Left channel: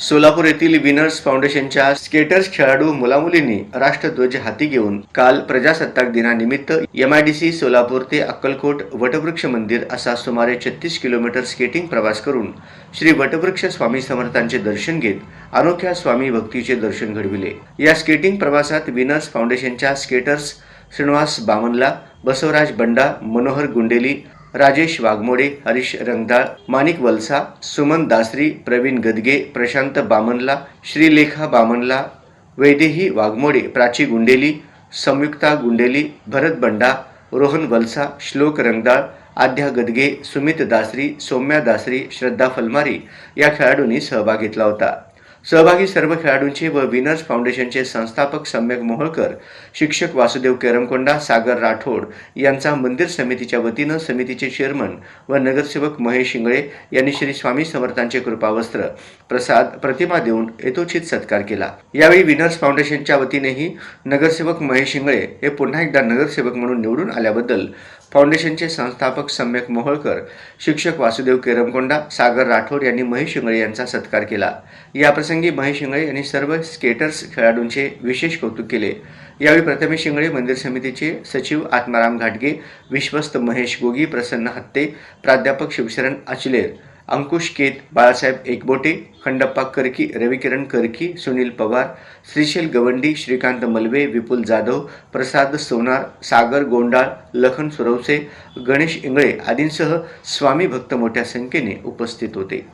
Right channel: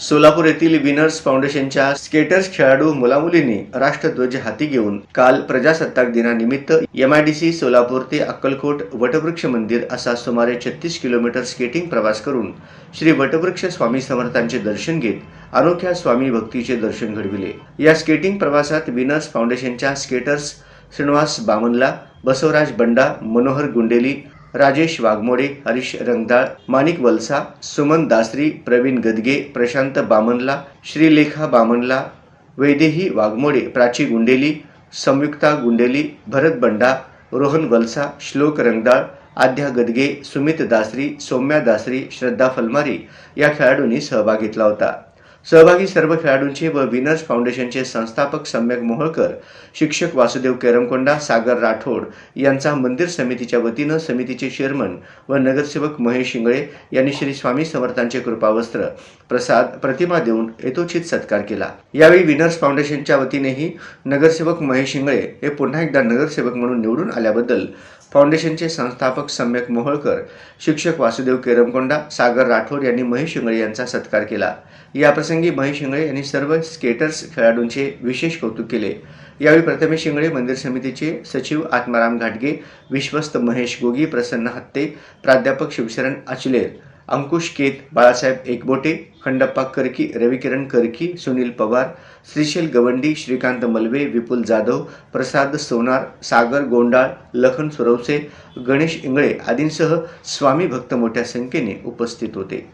सोलापूर येथील विनर्स फाउंडेशनच्या स्केटर्स खेळाडू मुलामुलींनी राष्ट्रध्वज हाती घेऊन काल प्रजासत्ताक दिनानिमित्त MIDC सोलापूर ते अक्कलकोट वटवृक्ष मंदिर असा सुमारे 36 किलोमीटर स्केटिंग प्रवास करून श्री वटवृक्ष स्वामी समर्थांचे दर्शन घेत अनोख्या स्वामी भक्तीचे दर्शन घडविले। या स्केटिंग प्रवासात विनर्स फाउंडेशनच्या स्केटर्स श्रीनिवास बामनला, बसवराज बंडा, मनोहर गुंडेली, राजेश वाघमोडे, हरीश रंगदाळ, माणिक वलसा, सुमन दासरी, प्रवीण गदगे, प्रशांत बामनला, श्रीलेखा बामनला, वैदेही वाघमोडे, प्राची गुंडेली, संयुक्ता गुंडेली, भरत बंडा, रोहन वलसा, श्लोक रंगदाळ, आद्या गदगे, सुमित दासरी, सौम्या दासरी, श्रद्धा फलमारी या खेळाडूंनी सहभाग घेतला होता। सहभागी सर्व खेळाडूंचे व विनर्स फाउंडेशनचे संस्थापक सम्यक मोहोळकर, शिक्षक वासुदेव केरमकोंडा, सागर राठोड यांचा मंदिर समितीच्या वतीनं समितीचे चेअरमन व नगरसेवक महेश इंगळे यांनी श्री स्वामी समर्थांचे कृपावस्त्र, प्रसाद, प्रतिमा देऊन यथोचित सत्कार केला। यावेळी विनर्स फाउंडेशनच्या वतीनेही नगरसेवक महेश इंगळे हे पुन्हा एकदा नगरसेवक म्हणून निवडून आल्याबद्दल फाउंडेशनचे संस्थापक सम्यक मोहोळकर, शिक्षक वासुदेव केरमकोंडा, सागर राठोड यांनी महेश इंगळे यांचा सत्कार केला। याप्रसंगी महेश इंगळे यांनी सर्व स्केटर्स खेळाडूंचे विशेष कौतुक केले। यावेळी प्रथमेश इंगळे, मंदिर समितीचे सचिव आत्माराम घाटगे, विश्वस्त महेश गोगी, प्रसन्न हत्ते, प्राध्यापक शिवशरण अचलेर, अंकुश केत, बाळासाहेब एकबोटे, खंडप्पा करकी, रविकिरण करकी, सुनील पवार, श्रीशैल गवंडी, श्रीकांत मलवे, विपुल जाधव, प्रसाद सोनार, सागर गोंडाळ, लखन सुरवसे, गणेश इंगळे आदींसह स्वामी भक्त मोठ्या संख्येने उपस्थित होते।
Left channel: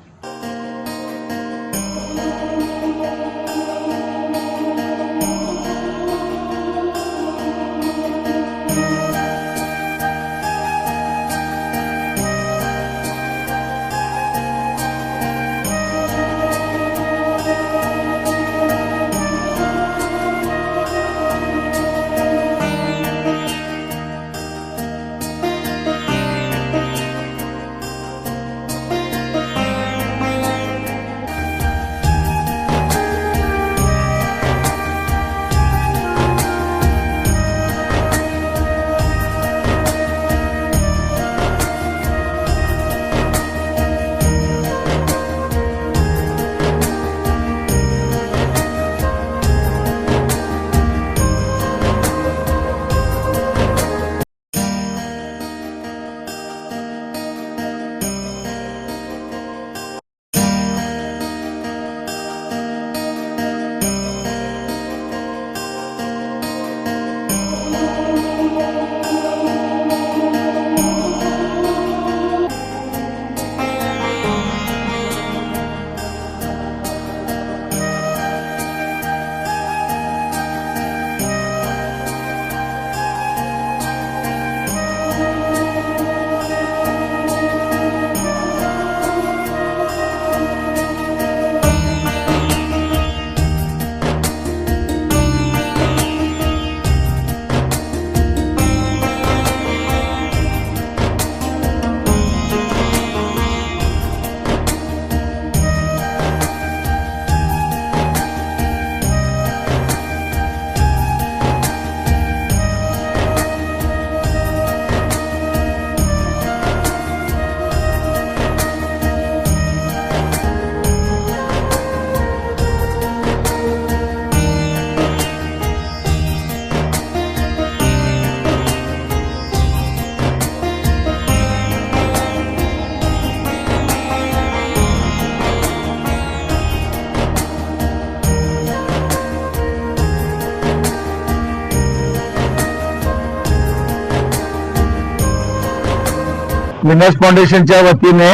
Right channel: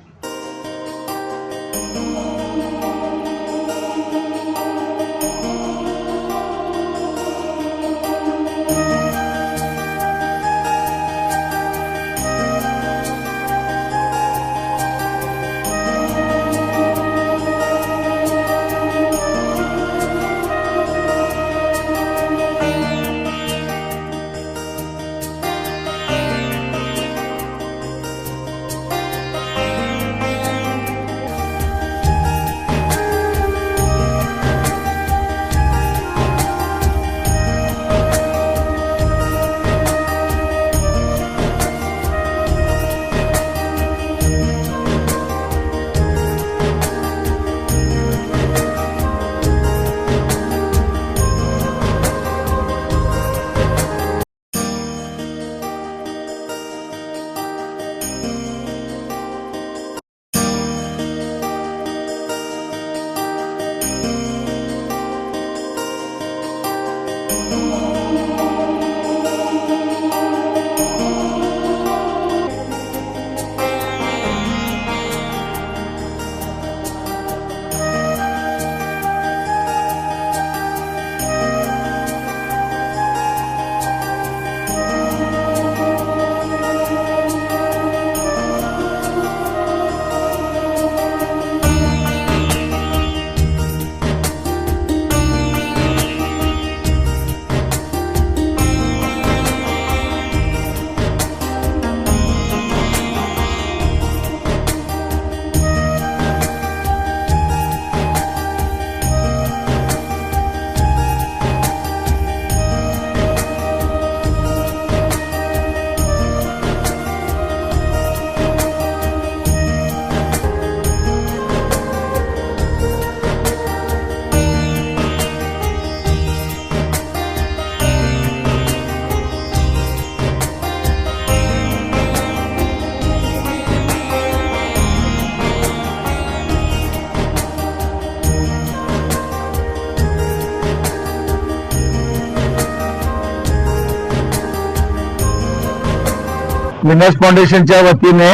विनर्स फाउंडेशनच्या वतीने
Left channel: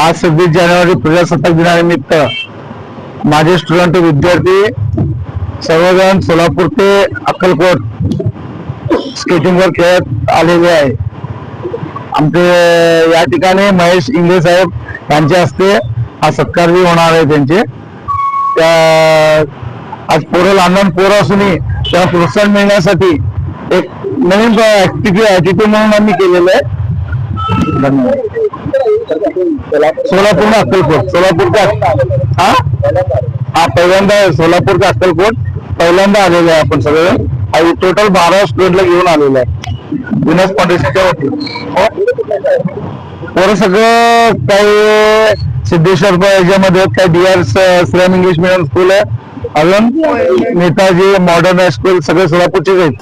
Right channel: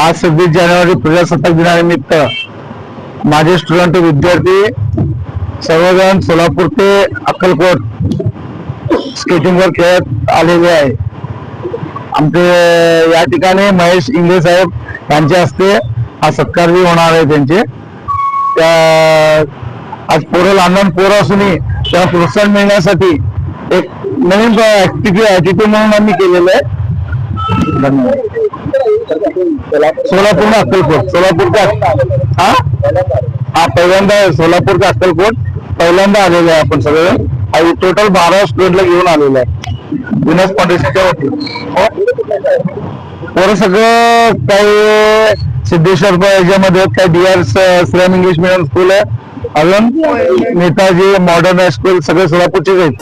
आज 26 जानेवारी प्रजासत्ताक दिनानिमित्त माझे स्टुडंट विद्यार्थी सर्वजण सोलापूर ते अक्कलकोट स्केटिंगवर खेळत आलेले आहे। आमचे या ठिकाणी महेश इंगळे साहेब यांच्या हस्ते हा सत्कार बी होणार आहे। त्यांचे आज पोरं लहान पोरं असूनही त्यांना प्रोत्साहन मिळण्यासाठी एक नवीन ऍक्टिव्हिटी म्हणून आम्ही केलेलं आहे। सोलापूर अक्कलकोट, सोलापूर का पहिल्यांदा सोलापूर का अक्कलकोट पहिल्यांदा आलेलो आहे आपण सगळे। आणि टोटल 12 स्टुडंटला घेऊन आलेलो आहे विनर्स फाउंडेशनच्या वतीने। पोरं सगळं काही सिद्धेश्वर याच्यामध्ये काय DR Shriram English medium school आहे, अजून नेताजी मॉडर्न हायस्कूल, सगळे सोलापूरचेच आहेत.